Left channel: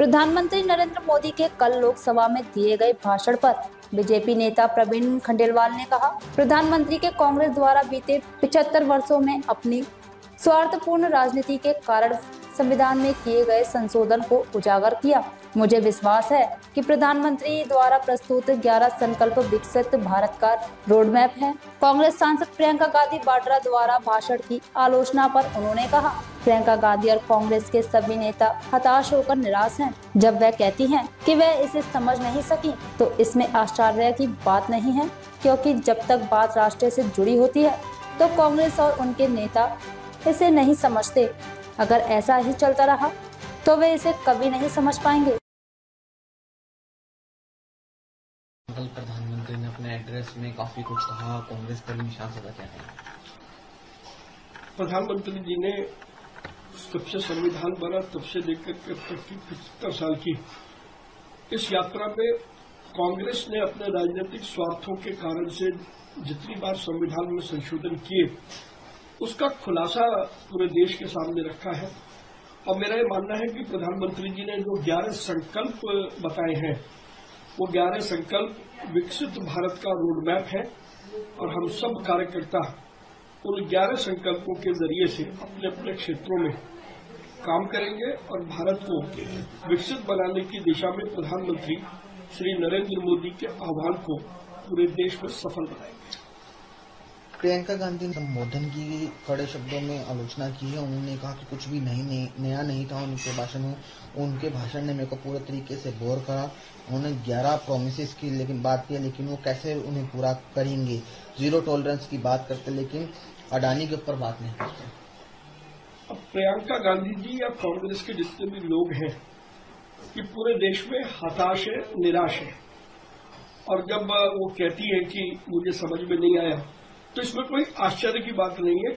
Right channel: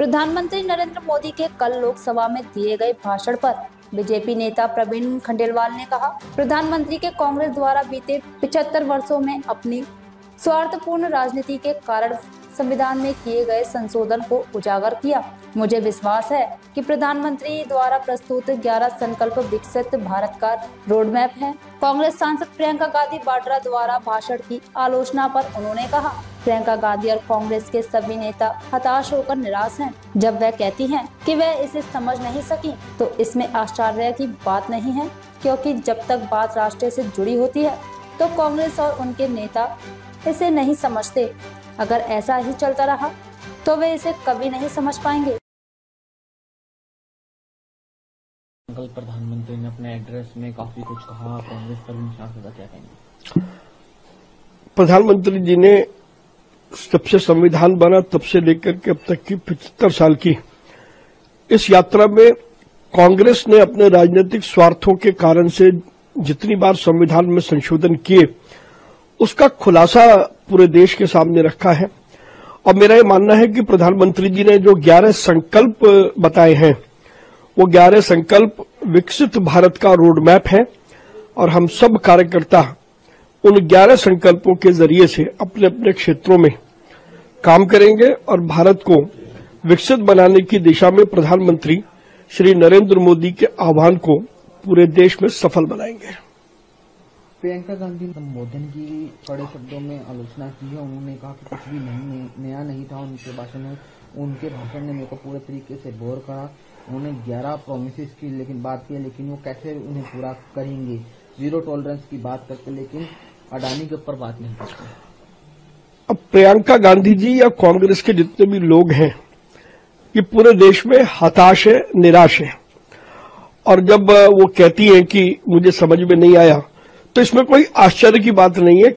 प्रधानमंत्री नरेंद्र मोदी के कल लोकसभा में दिए गए भाषण पर बीजेपी नेता प्रवीण खंडेलवाल ने कहा, प्रधानमंत्री के कांग्रेस द्वारा बीते 75 वर्षों में अपनी स्वार्थपूर्ण राजनीति के कारण संविधान में किए गए संशोधन को उजागर किया। मुझे विश्वास है कि प्रधानमंत्री द्वारा प्रस्तुत 11 संकल्प विकसित भारत का रोड मैप है। कांग्रेस सांसद प्रियंका गांधी वाड्रा द्वारा भाषण की आलोचना पर उन्होंने कहा, प्रियंका गांधी और कांग्रेस के सभी नेता हताश होकर निराश हैं। जब वह कहती हैं कि वह इसे समझ नहीं सकी, तो इसमें आश्चर्य की बात नहीं है, क्योंकि जब तक बात राष्ट्र से जुड़ी होती है तो कांग्रेस और उनके नेता इसे नहीं समझते। अगर ऐसा ही चलता रहा तो वे इसे कभी नहीं समझ पाएंगे। कल प्रधानमंत्री ने अपने एड्रेस में काफी कुछ कहा, कांग्रेस पर निशाना साधा। क्या कहेंगे? प्रधानमंत्री जी ने जब से संविधान बना तब से लेकर के अब तक की 75 साल की इस यात्रा में कांग्रेस ने अपने राजनीतिक स्वार्थों के कारण से जितनी बार संविधान में संशोधन किए, उसका खुलासा पूरे देश के सामने रखा है। और मेरा ये मानना है कि प्रधानमंत्री जी ने जो 11 संकल्प बताए हैं, वो 11 संकल्प विकसित भारत का रोड मैप है और हम सब कार्यकर्ता उन 11 संकल्पों के जरिए से अपने अपने क्षेत्रों में काम करेंगे और भारत को विकसित बनाने की दिशा में प्रधानमंत्री श्री नरेंद्र मोदी के आह्वान को पूरे देश में सफल बनाएंगे। प्रियंका गांधी ने संबोधन की कड़े शब्दों में आलोचना की है। उन्होंने कहा कि कुछ भी नया नहीं था उनके भाषण में। उनके भाषण ने मेरे को पूरे तरीके से बोर करा। उन्होंने 11 प्रोमिसेस की लेकिन बात की, लेकिन वो कैसे उन्हें पूरा करेंगे। जीरो टॉलरेंस की बात करते, लेकिन अडानी के ऊपर बात नहीं करते। अब प्रियंका गांधी जी या कांग्रेस के जितने भी लोग हैं, ये पूरे देश में हताश है, निराश है। और जब वो कहती हैं कि मुझे समझ में नहीं आया, तो इसमें कोई आश्चर्य की बात नहीं है,